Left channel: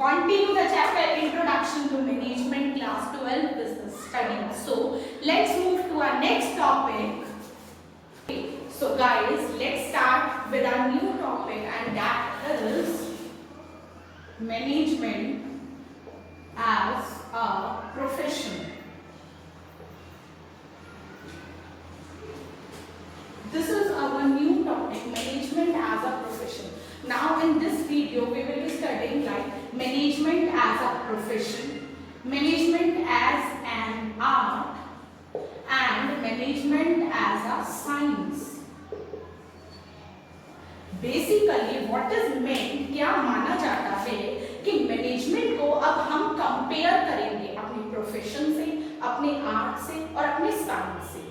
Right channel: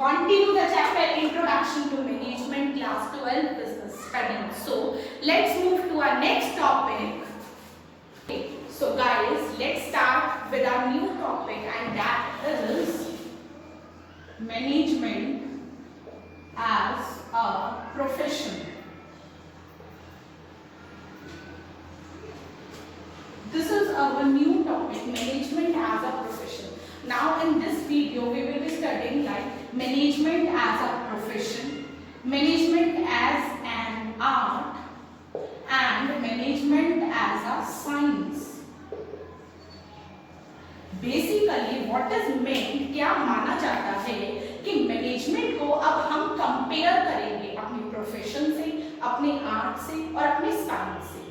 continue the chapter Introduction to Management, class 12 business studies. So let's move to our next topic. Okay, so guys, let's start with our new topic, and that is management as a profession. This is our new topic, management as a profession. Now in this video we will be studying like management as a profession, management as an art, and management as a science. Basically what is meant, क्या माना जाता है कि management को अब हम compare करेंगे अपनी प्रोफेशन से, अपने आर्ट से और अपने साइंस से।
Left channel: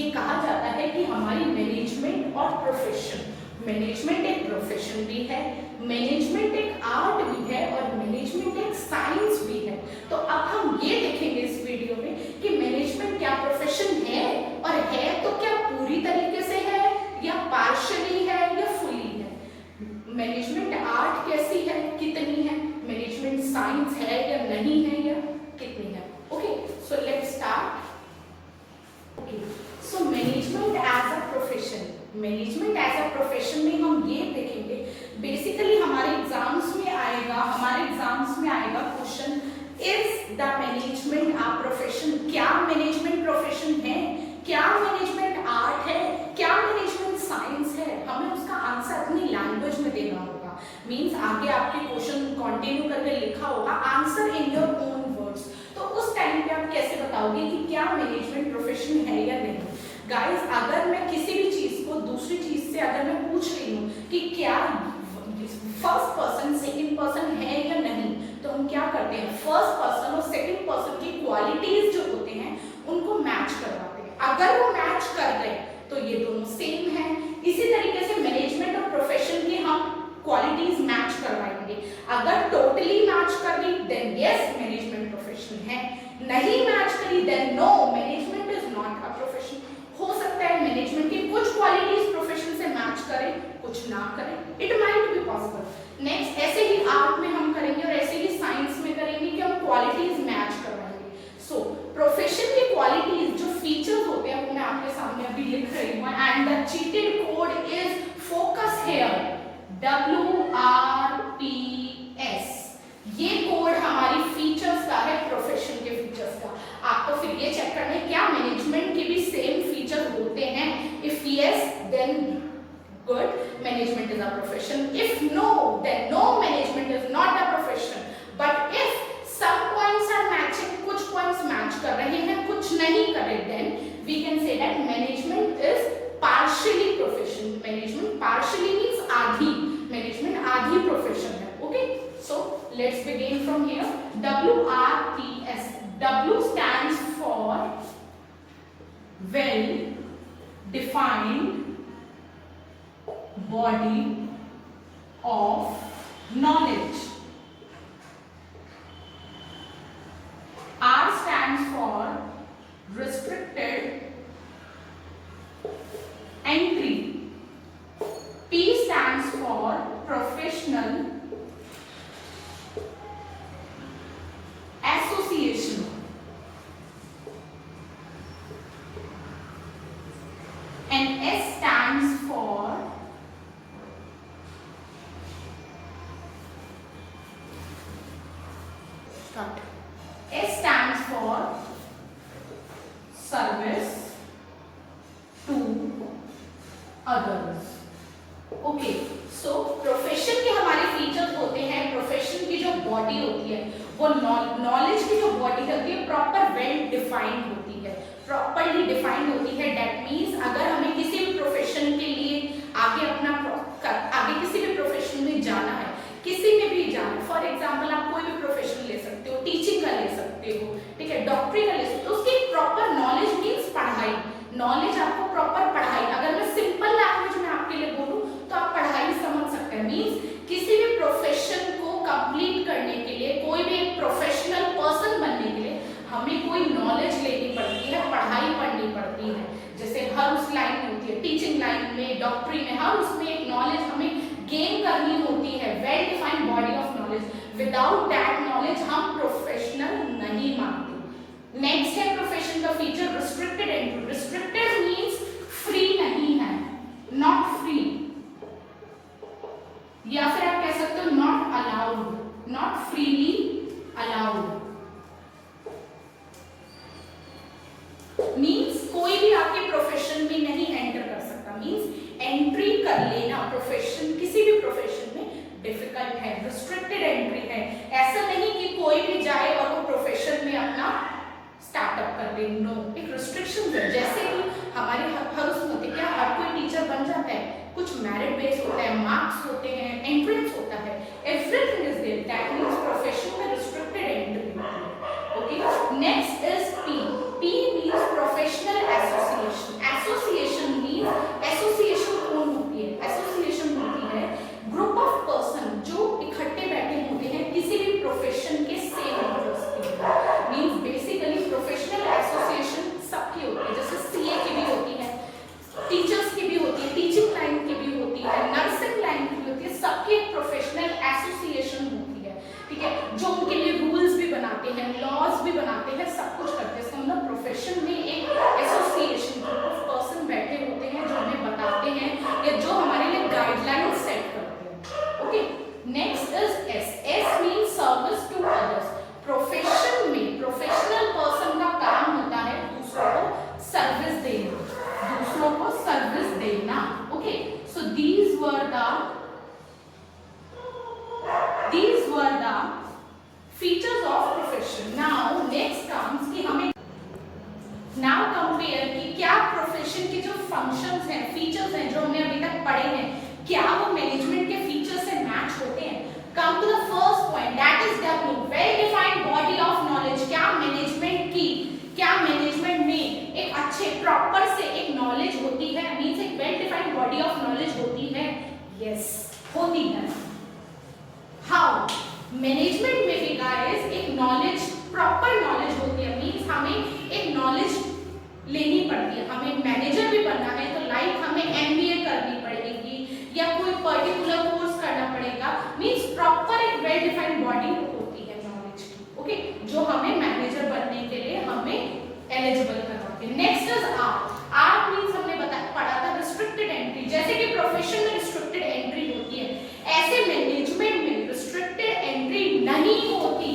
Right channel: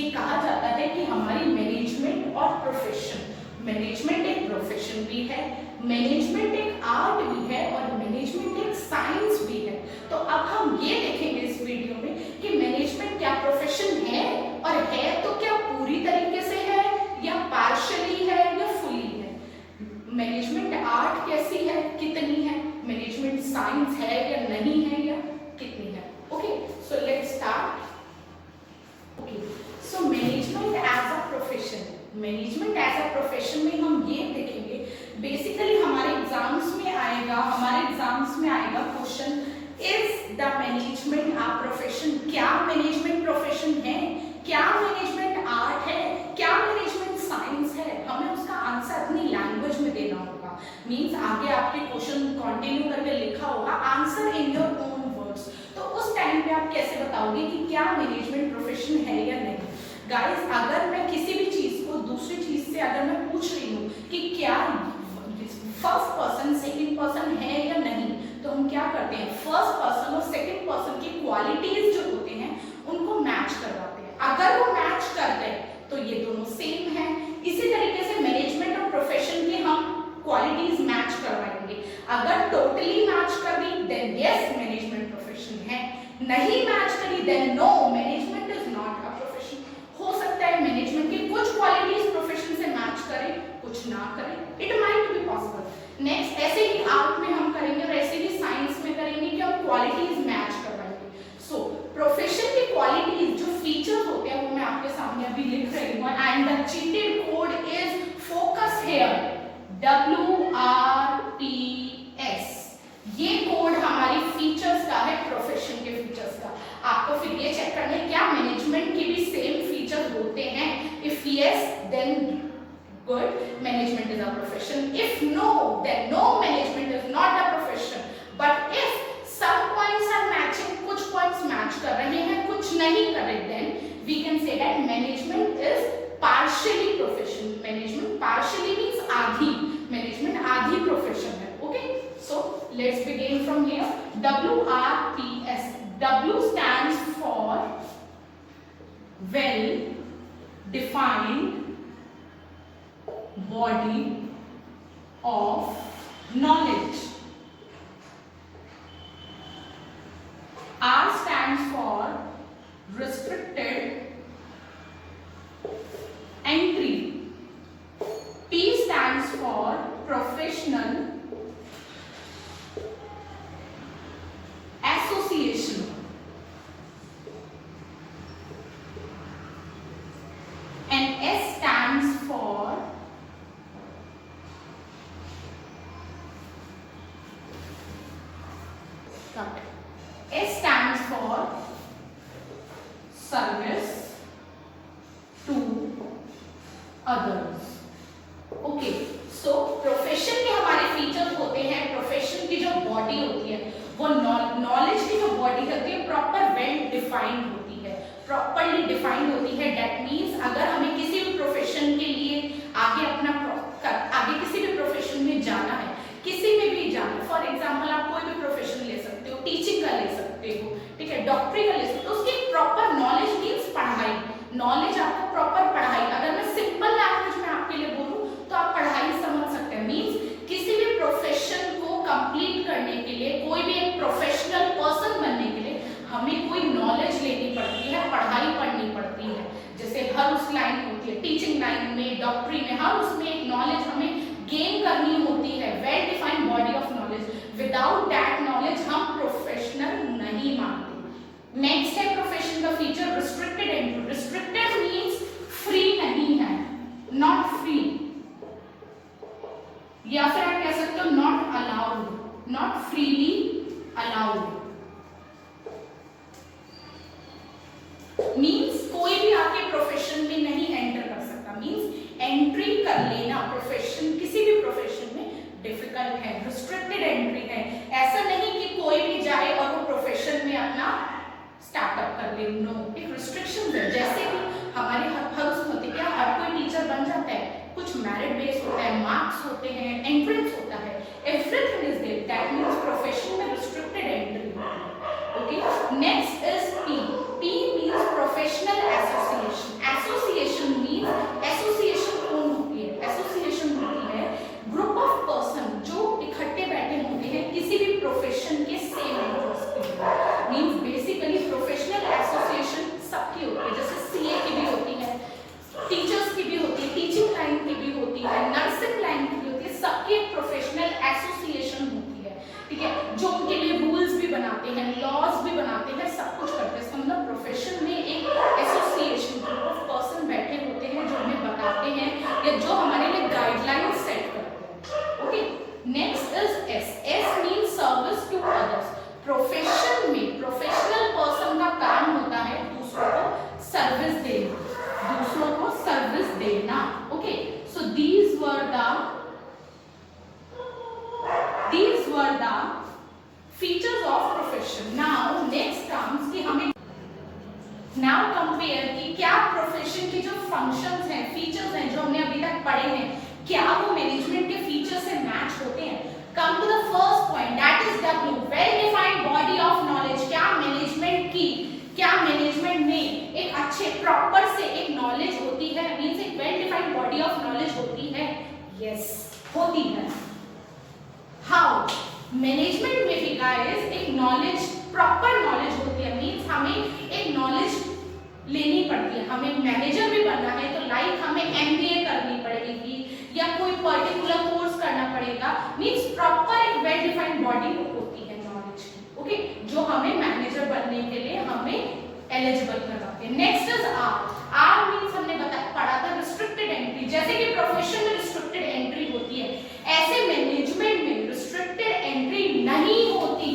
ये कहा जाता है कि हमारी मैनेजमेंट और प्रोफेशन, मैनेजमेंट एक प्रोफेशन भी है, मैनेजमेंट एक आर्ट भी है और मैनेजमेंट एक साइंस भी है। तो अब हम ये देखेंगे इस वीडियो में कि मैनेजमेंट क्या प्रोफेशन है, और है तो क्या पूरी तरीके से है या पार्शियली है या फुली है। मैनेजमेंट आर्ट कैसी है, कितनी है, मैनेजमेंट साइंस है या नहीं है या कितनी है। Okay, so let's start. Okay, so management as a profession, management as a profession में हम ये देखेंगे, बेसिकली हमारे एग्जाम्स में आएगा question, is the management a profession. क्या मैनेजमेंट प्रोफेशन है, क्या मैनेजमेंट आर्ट है, क्या मैनेजमेंट साइंस है। हमें उसका आंसर अपनी लैंग्वेज में देना होगा। मींस आगे आपके क्वेश्चन कंटिन्यू करके लिखा होगा answer in your own words. तो उस टाइम पे आप कैसे बताओगे कि क्या मैनेजमेंट प्रोफेशन है या नहीं। गाइस, अगर मैं किसी भी चीज को दूसरी चीज से अगर मैं पूछ रही हूँ कि क्या फर्स्ट पर्सन सेकंड पर्सन है या नहीं, तो हम क्या करते हैं, फर्स्ट पर्सन और सेकंड पर्सन की क्वालिटीज जो होते हैं उनको मैच करवाते हैं। अगर वो मैच कर गए तो ये दोनों सेम है। इसी तरीके से मैनेजमेंट और प्रोफेशन की हम क्वालिटीज मैच करवाएंगे। अगर टोटली मैच कर दी देन यस मैनेजमेंट प्रोफेशन है, नहीं मैच करी then no management is not a profession. हो सकता है मैनेजमेंट की कुछ क्वालिटीज प्रोफेशन से मैच करें, कुछ ना करें, it might be possible. Next, ऐसे ही आर्ट में हम करेंगे और ऐसे ही साइंस में करेंगे कि हम क्वालिटीज मैच करवाएंगे। सो प्रोफेशन की क्वालिटीज जो फीचर्स होते हैं वो मैं आपके सामने अभी लिख रही हूँ, and the cheated code is focus here, WRPS। ये कोड हमारी फीचर्स का है, प्रोफेशन के फीचर्स का। आपको फिर ये चेक करना है क्या मैनेजमेंट के भी सेम फीचर होते हैं। If yes then good, management is a profession. If no then no, management is not a profession. But if some points are matching, कुछ points match कर रहे हैं, कुछ नहीं कर रहे, then we can say that management is partially profession. Management partially means आधी, management आधी profession है। Okay, so let's begin from here. WRPS. W stands for well defined body of knowledge. R stands for restricted entry. P stands for professional association. And S stands for cut. S stands for service to others. Okay, so profession के हमारे features होते हैं, profession की जो body होती है वो knowledge की जो बॉडी होती है प्रॉपर वेल डिफाइंड होती है, प्रॉपरली डिफाइंड होती है। दैट मीन्स अगर हमें किसी भी प्रोफेशन के लिए आगे किसी भी प्रोफेशन में जाना है, किसी में भी जाना, फॉर एग्जाम्पल आप कोई भी प्रोफेशन ले सकते हो, टीचिंग का ले सकते हो, ठीक है, डॉक्टरी का ले सकते हो, उसकी प्रॉपर नॉलेज मीन्स पढ़ाई, नॉलेज आपको प्रॉपर पढ़ाई। अगर मैं सिंपल लैंग्वेज में आपके लिए बोलूं तो आप पढ़ाई समझ सकते हैं। मीन्स किसी भी प्रोफेशन को कंप्लीट करने के लिए, कोई भी एक प्रोफेशनल पर्सन बनने के लिए हमें कोई नॉलेज लेनी पड़ती है, पढ़ाई पढ़नी पड़ती है। जैसे हर उस लाइन में होती है, टीचिंग लाइन में, डॉक्टरी में, हर उसमें एक नॉलेज हमें गेन करनी होती है, well defined body of knowledge knowledge, without that knowledge हम प्रोफेशनल नहीं मानते। नेक्स्ट है प्रोफेशन का feature restricted entry. Restricted means free नहीं है, नॉट फ्री, या फिर आप कह सकते हो not allowed, not freely allowed. Means कोई भी आपके प्रोफेशन में नहीं एंटर कर सकता, मीन्स एंट्री कर लेना प्रोफेशन, किसी भी प्रोफेशन में डिफिकल्ट है, रिस्ट्रिक्टेड एंट्री है। ऐसा नहीं कि कोई भी जाए और वो प्रोफेशन में अपना स्टार्टअप कर ले, नो, एक रिस्ट्रिक्शन है। जैसे कि हमारे हर उसमें होते क्या, हर कोई टीचर बन जाता है, कुछ मेरिट बेस होता है, मार्क्स होते हैं, एंट्रेंस होता है, everything is there, that means profession में restricted entry. Okay, next is P. P means professional association. Association means association कौन होती है, एसोसिएशन होती है ग्रुप ऑफ पर्सन जो इकट्ठे बैठे होते हैं किसी भी प्रोफेशन के सेम इंटरेस्ट के। मींस बेसिकली प्रोफेशनल एसोसिएशन सबकी होती है, जैसे सीए की भी होती है, टीचर्स की भी होती है, टीचिंग लाइन की भी होती है, नर्सिंग लाइन की भी होती है, सबकी एक प्रोफेशनल एसोसिएशन होती है, ठीक है, जो उनके लिए रूल्स भी बनाते हैं, लॉज भी बनाते हैं, सब कुछ करते हैं। मतलब प्रोफेशन में एक एसोसिएशन, ग्रुप ऑफ पर्सन बैठे होते हैं जो हमें बताते हैं या जो हमारे लिए गाइडलाइन सेट करते हैं। Okay, next is S. S means service to others. Profession में प्रोफेशनल पर्सन का काम होता है दूसरों को सर्विस देना, दूसरों को सर्विस देना। Okay, so these were the features of profession. Now next comes कि हमें now compare कि क्या प्रोफेशन के जो फंक्शंस हैं, फीचर्स हैं जो हमने अभी तक पढ़े हैं, क्या वो मैनेजमेंट के फीचर्स से मैच होते हैं। Come to the first point, that is W, well defined body of knowledge। क्या मैनेजमेंट में एक अच्छे प्रॉपर से एक नॉलेज होती है, मींस एक well defined body of knowledge होती है। यस, होती है। हाउ, मैनेजमेंट में भी गाइस एक नॉलेज, प्रॉपर नॉलेज होती है, मींस हमें एक नॉलेज लेनी पड़ती है। हमें मैनेजर भी बनना है तो लाइक हमें एमबीए करनी पड़ेगी या कोई पर्टिकुलर कोर्स करना पड़ेगा, मींस प्रॉपर एक वेल डिफाइंड बॉडी होती है नॉलेज की। ओके, जो हमें मैनेजर बनने के लिए हमें एलिजिबल करवाते हैं। Next is R. R means हमने पढ़ा था रिस्ट्रिक्टेड एंट्री। जैसे कि प्रोफेशन में रिस्ट्रिक्टेड एंट्री होती है, ऐसे मैनेजमेंट में रिस्ट्रिक्टेड एंट्री नहीं होती।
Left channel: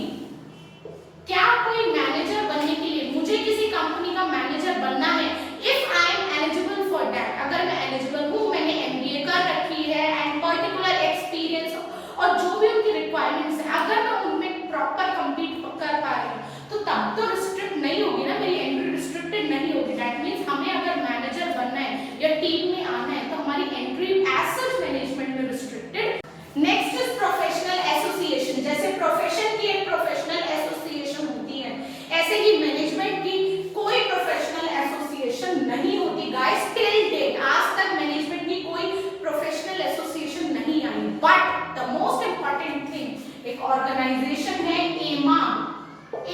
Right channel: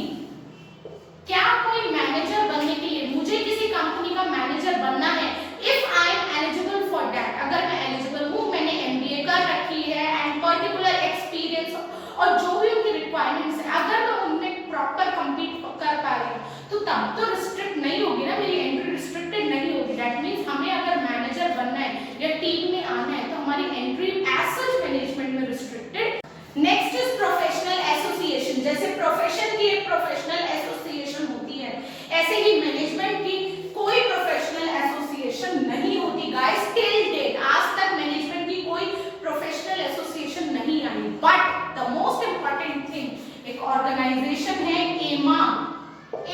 क्या कोई मैनेजर बनने के लिए मुझे किसी कंपनी का मैनेजर बनना है, if I am eligible for that, अगर मैं एलिजिबल हूँ, मैंने एमबीए कर रखी है एंड पर्टिकुलर एक्सपीरियंस और जो भी उनकी रिक्वायरमेंट्स है, अगर मैं उनमें प्रॉपर कंपीट कर पा रही हूँ, तो तब तो रिस्ट्रिक्ट नहीं होगी ना, मेरी एंट्री रिस्ट्रिक्टेड नहीं होगी। दैट मींस हमें अगर मैनेजर बनना है या टीम में आना है तो हमारी एंट्री एज सच मैनेजमेंट में restricted. Next is professional association. जैसे प्रोफेशन की एक प्रोफेशनल एसोसिएशन होती है, ऐसे ही मैनेजमेंट की कोई प्रोफेशनल एसोसिएशन नहीं होती गाइस। टिल डेट आज तक मैनेजमेंट की कोई प्रोफेशनल एसोसिएशन नहीं आई। But the most important thing, एक ऑर्गेनाइजेशन है एमा,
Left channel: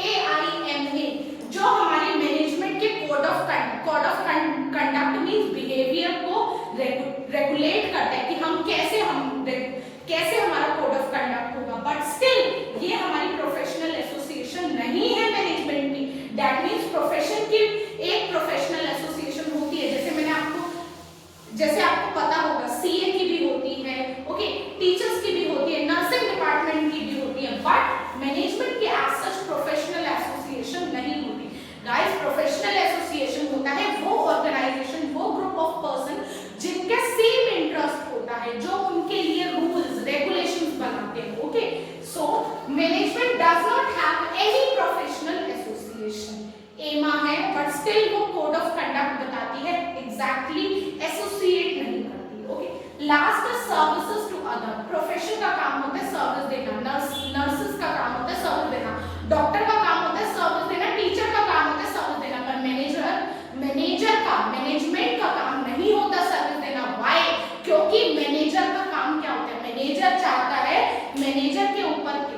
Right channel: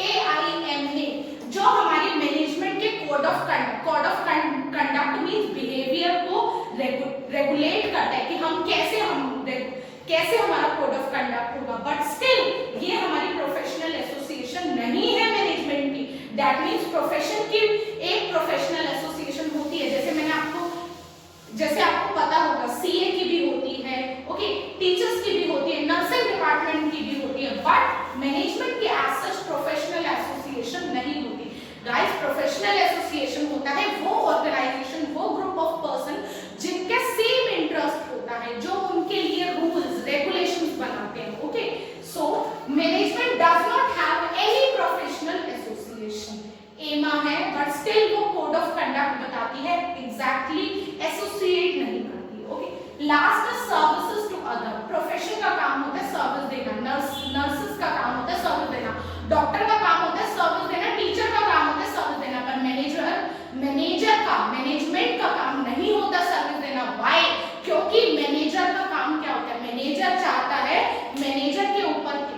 AIMA, जो हमारी मैनेजमेंट के code of conduct means behaviour को रेगुलेट करता है कि हम कैसे हमारा कोड ऑफ कंडक्ट होगा। बट स्टिल ये हमारी प्रोफेशनल एसोसिएशन नहीं है मैनेजमेंट की। दैट मींस प्रोफेशन की एक प्रोफेशनल एसोसिएशन होती है, जैसे आपको पता होगा सीए की भी होती है, ओके, टीचर्स की भी होती है, नर्सिंग डिपार्टमेंट की भी होती है, बट मैनेजमेंट की एज सच प्रोफेशनल एसोसिएशन नहीं होती। गाइस, प्रोफेशनल एसोसिएशन होता है वो ऑर्गेनाइजेशन, वो ग्रुप ऑफ पर्सन जिनके सेम इंटरेस्ट होता है, जो उनके लिए रूल्स रेगुलेशंस बनाते हैं। Okay, so management does not have any professional association. एमा है बट स्टिल वो कोड ऑफ कंडक्ट बताती है, एग्जैक्टली एसोसिएट नहीं करती। Okay, last is services to other. Profession का काम होता है सर्विस देना, नर्सेस का काम होता है सर्विस देना, डॉक्टर का काम होता है सर्विस देना, टीचर का काम होता है सर्विस देना, पर मैनेजमेंट का काम नहीं होता सर्विस देना। व्हाई? क्योंकि मैनेजर का काम क्या होता है, मैनेजर चाहता है,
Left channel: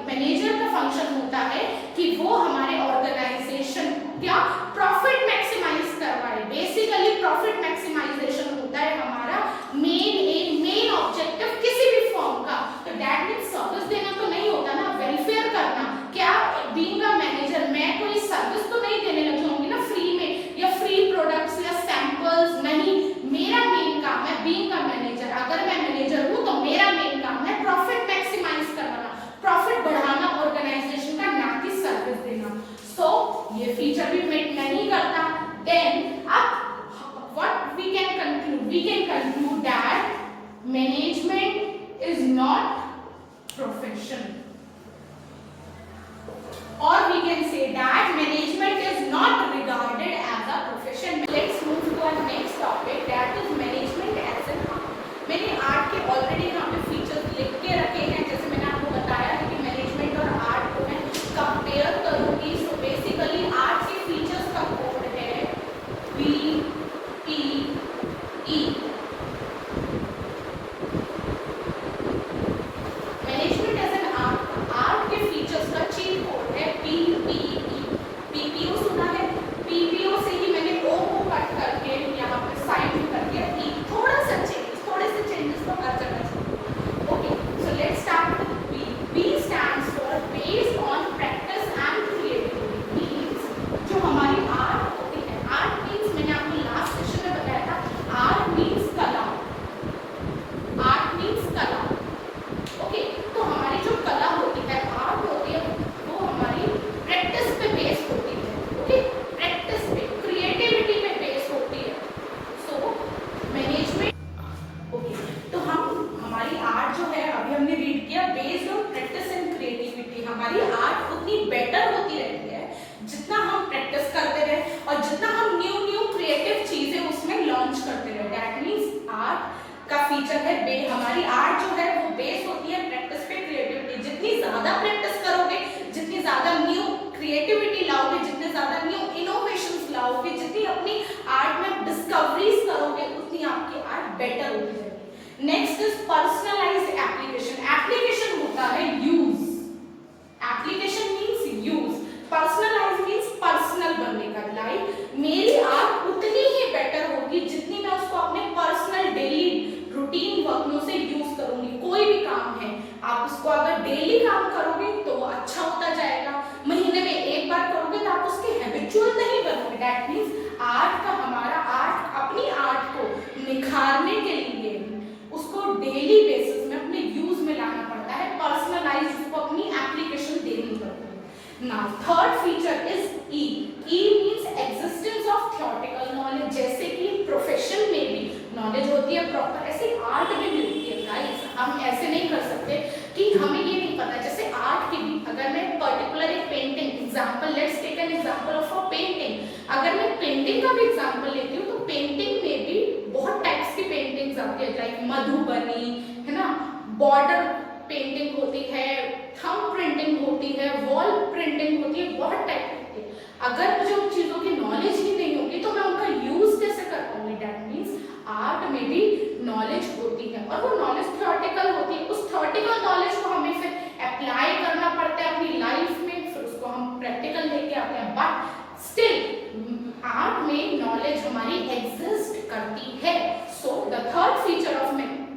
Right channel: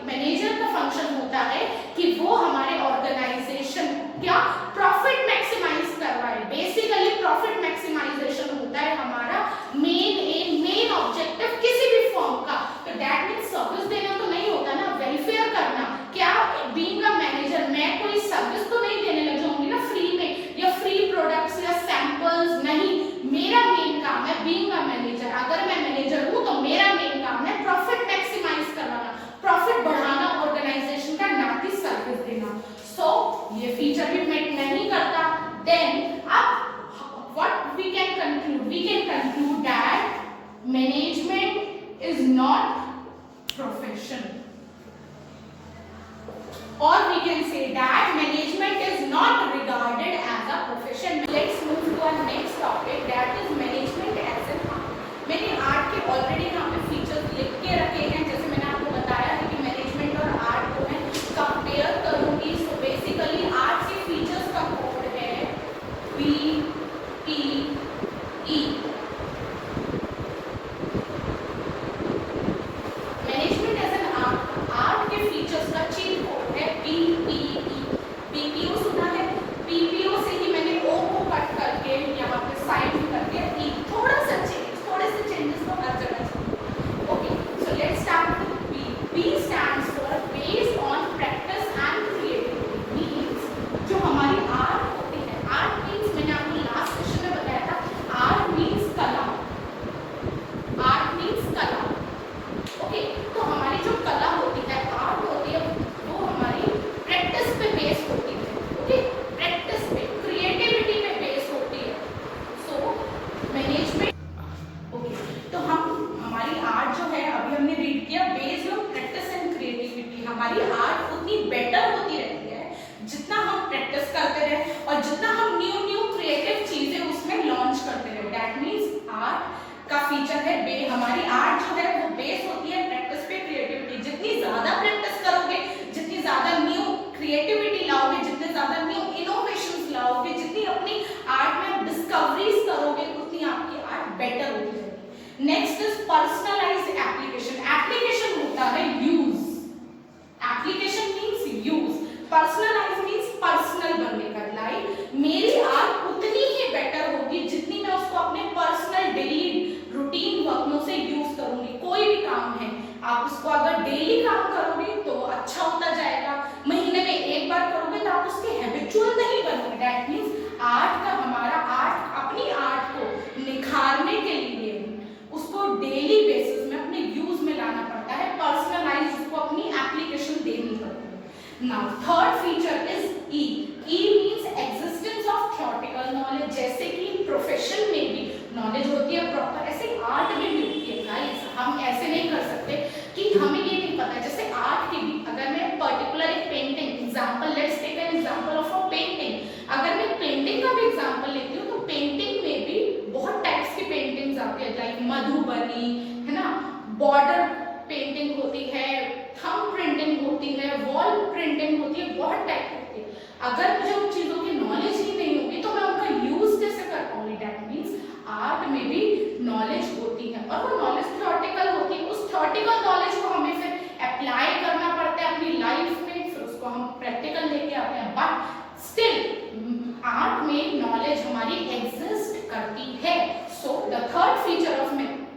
मैनेजर का फंक्शन होता है कि वो हमारे ऑर्गेनाइजेशन क्या प्रॉफिट मैक्सिमाइज करवाए। बेसिकली प्रॉफिट मैक्सिमाइजेशन होता है हमारा मेन ऑब्जेक्टिव किसी भी फॉर्म का। तो दैट मींस सर्विस देना तो नहीं होता ना, management is not profession, or we can say that management is not regarded as a profession. Let's move to our next topic, that is management as an art. मैंने art के already यहाँ पे features लिख के रखे हैं, जैसे मैंने आपको बताया है कि मैनेजमेंट और आर्ट को मैं कंपेयर करूंगी. सो बेसिकली आर्ट के फीचर्स का कोड है BPE. Management as an art के फीचर्स का चीट कोड है BPE. PPO सुना है? PPO से ही मैंने O को कट करके यहाँ पे साइन करके E थोड़े से चेंजेस को हर जगह से. Okay, so let's start with B. B stands for based on practice and creativity. Means जो हमारी आर्ट होती है, आर्ट मींस मैंने आपको लास्ट सेशन में बताया था, आर्ट मींस कला. आर्ट मींस कला. ओके, तो हमारी जो कला होती है, आर्ट होती है, वो हमारी प्रैक्टिस पे बेस होती है. ओके, प्रैक्टिस पे, क्रिएटिविटी पे बेस होती है. सो मैनेजमेंट, ओके, तो हमारी आर्ट जो है, अभी हमने रीड किया, based on practice and creativity. हमारी आर्ट उतनी बेटर होती रहती है जितना हम प्रैक्टिस करते रहे और जितना हम न्यू क्रिएटिव चीजें उसमें लॉन्च करते रहे. दैट मीन्स आर्ट का फीचर है हमारी आर्ट जो है वो बेस होती है प्रैक्टिस पे, क्रिएटिविटी. जितनी ज्यादा प्रैक्टिस करोगे, जितनी ज्यादा न्यू क्रिएटिविटी लाओगे, जितने ज्यादा न्यू इनोवेशंस लाओगे, जितनी अपनी आर्ट में डिस्कवरीज करोगे, उतनी आपकी आर्ट बेटर होती है. Next is personalized application. Application होता है use. Application means use. Personalize means personal बनने का. लाइक मेरी आर्ट उतनी ही बेटर होगी जितनी मैं उसको अपने पर्सनल डेली रूटीन वर्क में से यूज करूंगी. कोई भी काम है, आप उसको अगर डेली काम करोगे तो अच्छा होता जाएगा. महीने में एक बार करोगे तो आप उसके हैबिचुअल नहीं बनोगे. दैट मींस आर्ट का, हमारा आर्ट, अपनी आर्ट को निखारने के लिए उसको डेली बेसिस में अपने यूज में लाना पड़ता है. पर्सनलाइज उसको अपनी एप्लीकेशन देनी पड़ती है. Now third feature is E. E means existence of theoretical knowledge. जैसे कि प्रोफेशन में भी नॉलेज होती है प्रॉपर, ऐसे आर्ट में भी होती है. गाइस, हम ऐसे नहीं कर सकते कि हमें ये नहीं पता. जैसे आर्ट की भी, अगर मैं पर्टिकुलर एक painting, example, let's take an example of a painting. अगर मैं पेंटिंग का भी एग्जांपल लेती हूँ तो पेंटिंग में भी बहुत टाइप्स की पेंटिंग्स आती है. लाइक मधुबनी है ना, बॉर्डर पेंटिंग होती है, थंब प्रिंटिंग होती है, वॉल प्रिंटिंग होती है, बहुत टाइप होती है. अगर मुझे उन चीजों की नॉलेज ही नहीं होगी तो मैं उनका यूज कैसे कर पाऊंगी. दैट मींस आर्ट में भी नॉलेज होती है और वो नॉलेज थ्योरेटिकल होती है. उस थ्योरेटिकल नॉलेज को हमें फिर अप्लाई करना पड़ता है अपनी लाइफ में, फिर उसको हम प्रैक्टिकल लेके आते हैं. बट स्टिल आर्ट में नॉलेज हमारी एग्जिस्ट करती है. So the third feature of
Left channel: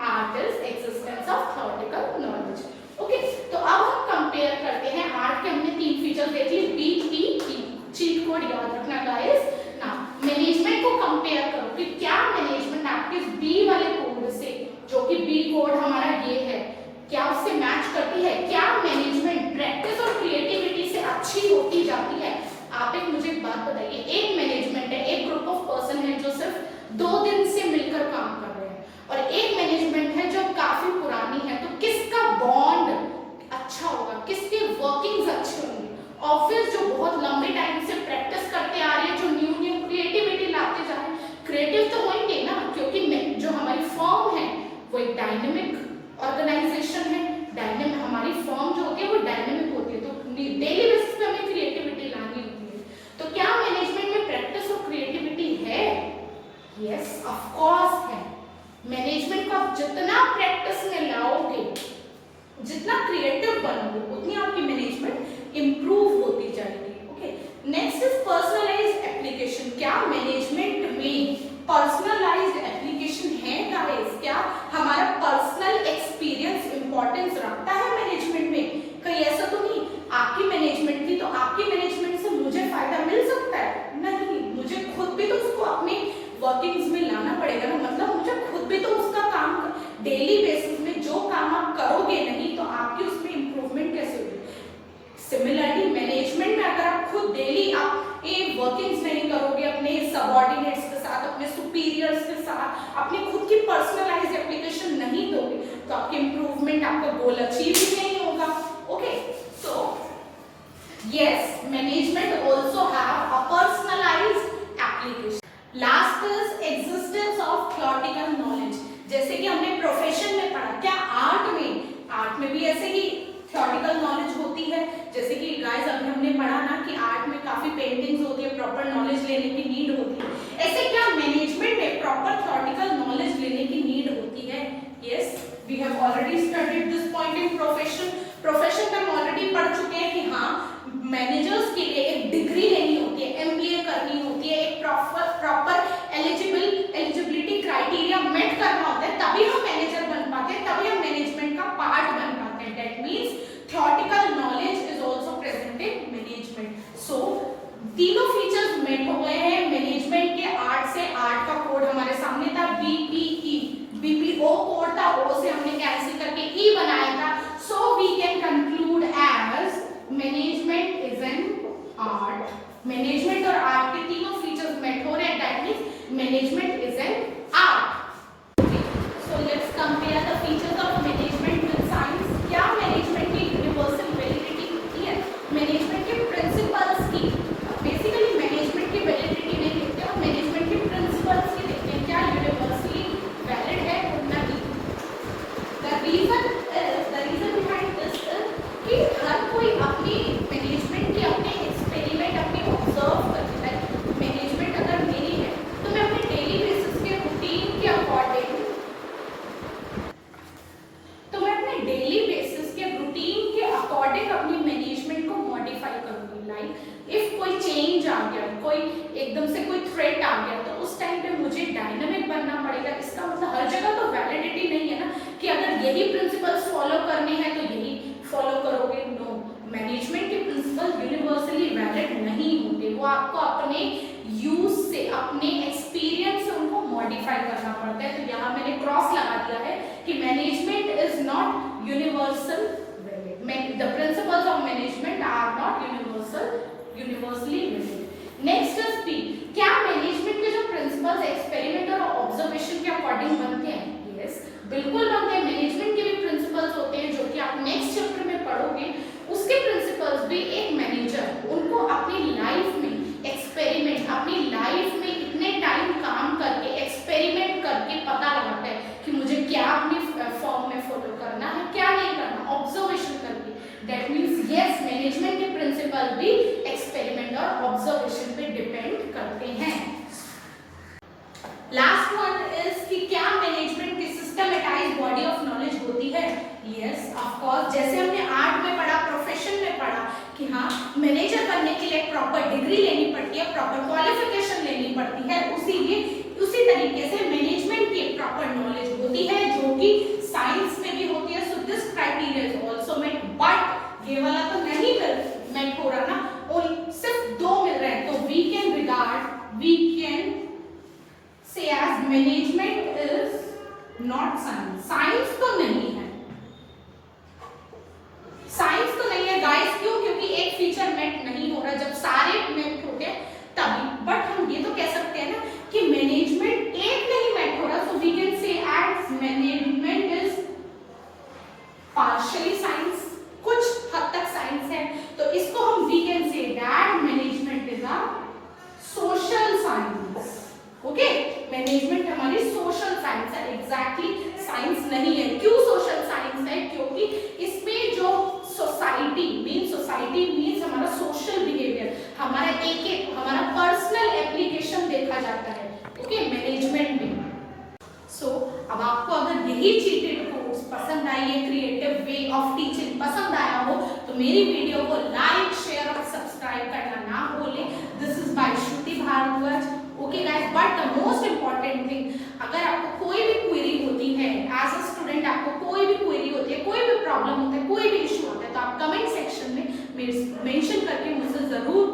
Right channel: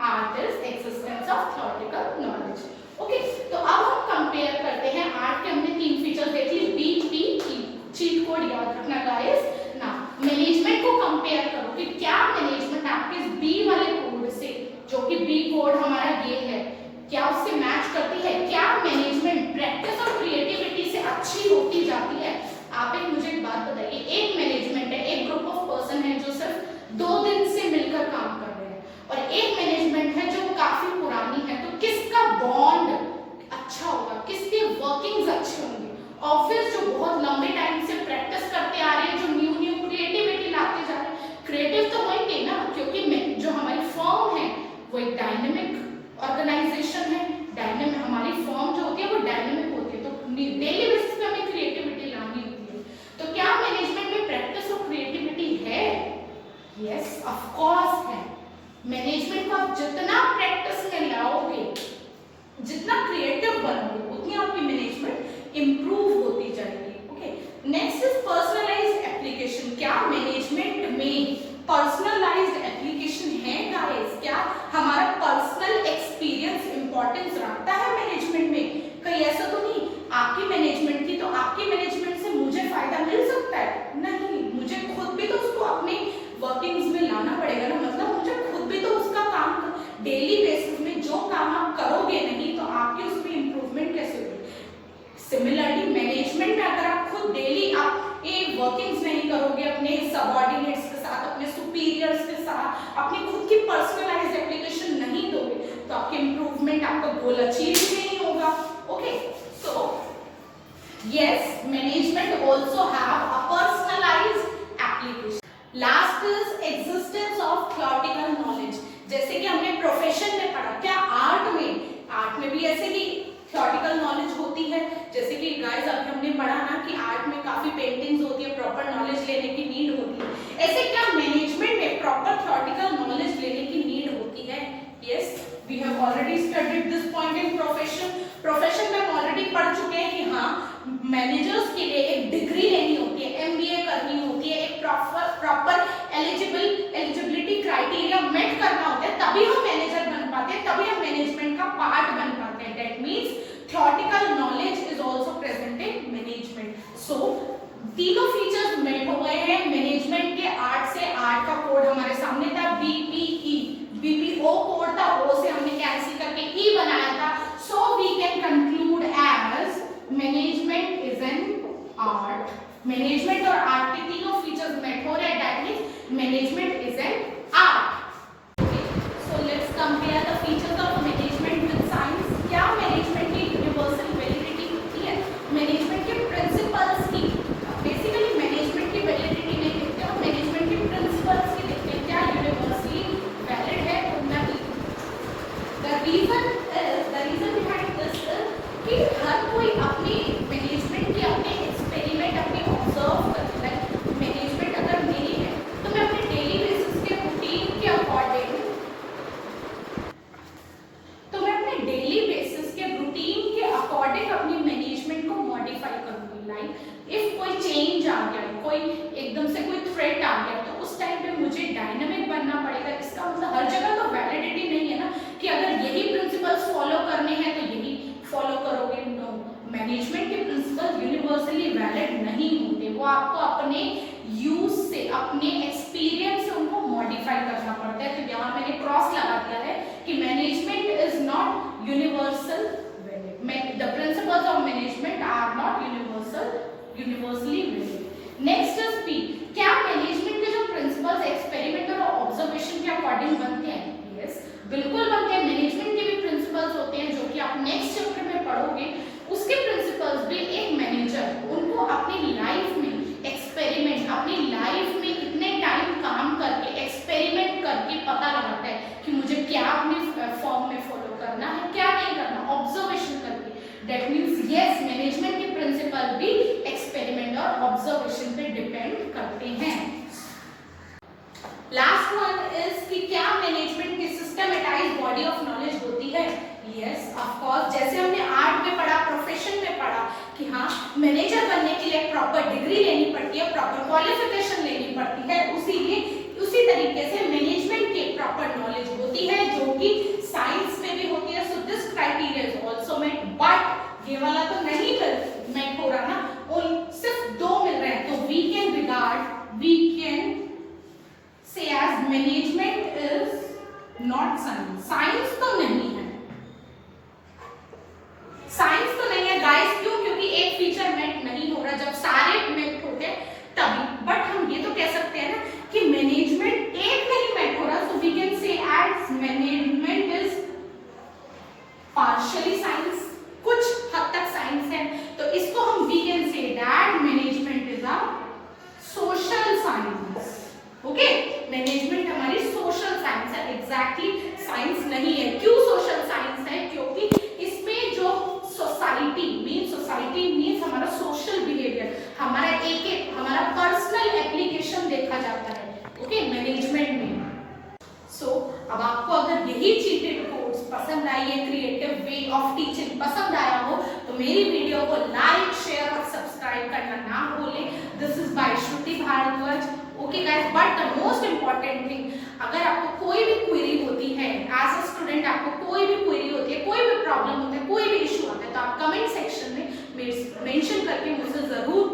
art is existence of theoretical knowledge. Okay, तो अब हम कंपेयर करते हैं. आर्ट के हमने 3 फीचर देख लिए. BPE, चीट कोड याद रखना गाइस. ना मैनेजमेंट को कंपेयर करो कि क्या मैनेजमेंट आपके B वाले कोड से, जो कि B कोड हमारा ये है, क्या उससे मैच करती है? क्या मैनेजमेंट प्रैक्टिस और क्रिएटिविटी से अच्छी होती जाती है? आप एक मुझे एक बात बताइए. एक मैनेजमेंट है, एक ग्रुप ऑफ पर्सन है जो सिर्फ 2 दिन से मिलकर काम कर रहे हैं, और एक मैनेजमेंट है जो काफी पुरानी है. तो किसका बॉन्ड अच्छा होगा, किसके वर्किंग्स अच्छे होंगे? ऑफिस जो बहुत लंबे टाइम से प्रैक्टिस करते आ रहे हैं, जो न्यू क्रिएटिविटी लाते जा रहे हैं, क्रिएटिव तो होंगे ना, क्योंकि जो हमारी फर्म है वो एक डायनेमिक ऑर्गेनाइजेशन है. डायनेमिक हमारी फर्म जो होती है वो डायनेमिक होती है, तो डेली बेसिस पे हमें क्रिएटिविटी लानी होती है. तो क्या मैनेजमेंट में प्रैक्टिस और क्रिएटिविटी है? यस, ऑफ कोर्स है. मैनेजमेंट को आप जितना प्रैक्टिस में लाओगे, जितना क्रिएटिव बनोगे, उतनी आपकी मैनेजमेंट इंप्रूव होती जाएगी. Okay, next is personalized application. क्या मैनेजमेंट में पर्सनलाइज्ड एप्लीकेशन है गाइस? क्या हमारा पर्सनल एक्सपीरियंस इंपॉर्टेंस रखता है मैनेजमेंट में? कहीं ऐसा तो नहीं आपकी मैनेजमेंट की, तो आपकी मैनेजमेंट से मुझे फायदा मिल सकता है? नहीं, मुझे खुद भी तो उसको अपने वर्किंग्स में लाना पड़ेगा ना. मतलब मुझे खुद भी तो उसका काम डेली बेसिस में जो काम आप करोगे नहीं तो आपकी उसमें इंप्रूवमेंट कैसे होगी? सिमिलरली मैनेजमेंट में अगर आप खुद डेली आप वर्किंग्स नहीं करोगे अपने सबऑर्डिनेट्स के साथ, अपने सुपीरियर्स के साथ, अपनी खुद की पर्सनलाइज्ड एप्लीकेशन नहीं गोल अचीव ही नहीं होगा। Okay, so yes, management also have a personalised application. Last is existence of theoretical knowledge. जैसे कि हमने प्रोफेशन में पढ़ा, क्या आर्ट में भी ऐसे ही थ्योरेटिकल नॉलेज होती है? जैसे कि गाइस अभी हमने पढ़ा ना कि आर्ट में काफी पेंटिंग्स होती है, प्रॉपर नॉलेज लेने की नीड होती है। ऐसे क्या मैनेजमेंट में प्रॉपर थ्योरेटिकल नॉलेज लेने की नीड होती है? Yes, we have already studied this point in profession में हम ऑलरेडी पढ़ चुके हैं कि हाँ, मैनेजर्स के लिए एक डिग्री लेनी होती है, एमबीए करनी होती है, एक प्रॉपर एलिजिबिलिटी क्राइटेरिया मेट करना होता है, तभी हम मैनेजर बन पाते हैं, तभी हम मैनेजमेंट का पार्ट बन पाते हैं। That means theoretical knowledge is also present in management. So तीनों फीचर्स मेट हो गए हैं मैनेजमेंट के। आर्ट से, आर्ट का कोड हमारे सामने था बीपीई, बीपीओ कोड था, ओ से हमने कैंसिल करके ई बनाया था। So we can conclude as management is an art. Management और आर्ट के तीनों फीचर्स मेट हो रहे हैं, that means management is an art. Okay, so let's compare the features of management with science. क्या मैनेजमेंट की यूनिवर्सल वैलिडिटी होती है? मैनेजमेंट के प्रिंसिपल्स की, बेसिकली मैनेजमेंट की वैलिडिटी नहीं देखते हैं, मैनेजमेंट के प्रिंसिपल्स की देखते हैं, क्या यूनिवर्सली वैलिड है और नहीं। The reason behind this is कि हर कोई अपनी मैनेजमेंट की अपने एक्सपेरिमेंट अपने ऑब्जर्व करता है। मैनेजमेंट अगर मेरी है तो मैं अपने डेली बेसिस के रूटीन के अकॉर्डिंग अपनी मैनेजमेंट को मॉडिफाई करूंगी। लाइक इफ कोई चेंज आ गया, कोई एकदम से कोई थ्रेट आ गया, तो उस टाइम पे मुझे डायनामिक बनना पड़ेगा। इसका मतलब हर जगह तो वैलिडिटी नहीं है ना कि अगर यही प्रिंसिपल्स फॉलो करने हैं तो यही फॉलो करोगे। नो, मैनेजमेंट के प्रिंसिपल यूनिवर्सली वैलिड नहीं होंगे, वो आपको अपने यूज से, अपने एक्सपीरियंस से उनको मॉडिफाई करना पड़ता है। तो यहाँ मैंने क्रॉस लगा दिया है कि management is not universal, the principles of management are not universally valid। next is P, क्या मैनेजमेंट के जो प्रिंसिपल्स एक्सपेरिमेंट और ऑब्जर्वेशन के अकॉर्डिंग बनते हैं? यस, बिल्कुल बनते हैं। मैनेजमेंट के भी प्रिंसिपल्स होते हैं जो कि आप नेक्स्ट चैप्टर में पढ़ोगे। उसके प्रिंसिपल्स भी एक मैनेजर उनको अपनी लाइफ में एक्सपेरिमेंट, अपनी लाइफ में इतने टाइम काम करके एक्सपेरिमेंट करके पता लगाता है कि मुझे क्या अपने फॉर्म में फॉलो करना है, क्या नहीं करना, ऑब्जर्वेशन करके। दैट मीन्स यस, मैनेजमेंट के प्रिंसिपल भी एक्सपेरिमेंट और ऑब्जर्वेशन पे डिपेंड करते हैं। लास्ट वन इज कि क्या मैनेजमेंट की सिस्टमेटाइज बॉडी ऑफ नॉलेज होती है? Yes, of course. जैसे हमने आर्ट में पढ़ा, प्रोफेशन में पढ़ा कि हाँ, मैनेजर बनने के लिए प्रॉपर डिग्री लेनी पड़ती है, प्रॉपर क्वालिफिकेशन लेनी पड़ती है। उसी तरीके से मैनेजमेंट की प्रॉपर नॉलेज होती है जो कि साइंस में भी होती है। So this criteria is also met, but ये वाला तो नहीं मेट हो रहा ना, और सिर्फ दो मिल रहे हैं। तो we can say as management is not science. Science तो नहीं है, साइंस तो नहीं है गाइस। क्यों? क्योंकि एक फीचर मेट नहीं हो रहा। जब सारे मेट होते तभी। बट हम ये तो कह सकते हैं ना कि मैनेजमेंट एक नहीं मेट हो रहा, so we can say as management is partially science, कुछ हद तक साइंस है। तो इसको हम we can say that management is a social science. Okay, management हमारी सोशल साइंस है, एग्जैक्टली साइंस नहीं है। क्यों सोशल साइंस है? क्योंकि इसमें जो सोसाइटी मीन्स हमारा सोशल बिहेवियर, हमारा हमारा पर्सनल एप्लीकेशन देखा जाता है। ओके, मैनेजमेंट में। सो अब आपको अगर यही चीटेड कोर्स पसंद आई, ये क्रिएटिव वे ऑफ टीचिंग पसंद आया हो, तो मेरी वीडियो को लाइक, शेयर और सब्सक्राइब करना ना भूलें। This is by Shruti Bhardwaj. Okay guys, but the most important thing, अगर आपको कोई भी क्वेरी होती है एज अ स्टूडेंट, आपको कोई भी क्वेरी होती है, कोई भी प्रॉब्लम होता है, कोई भी इशू होता है, तो आप कमेंट सेक्शन में मेंशन करके मुझसे जरूर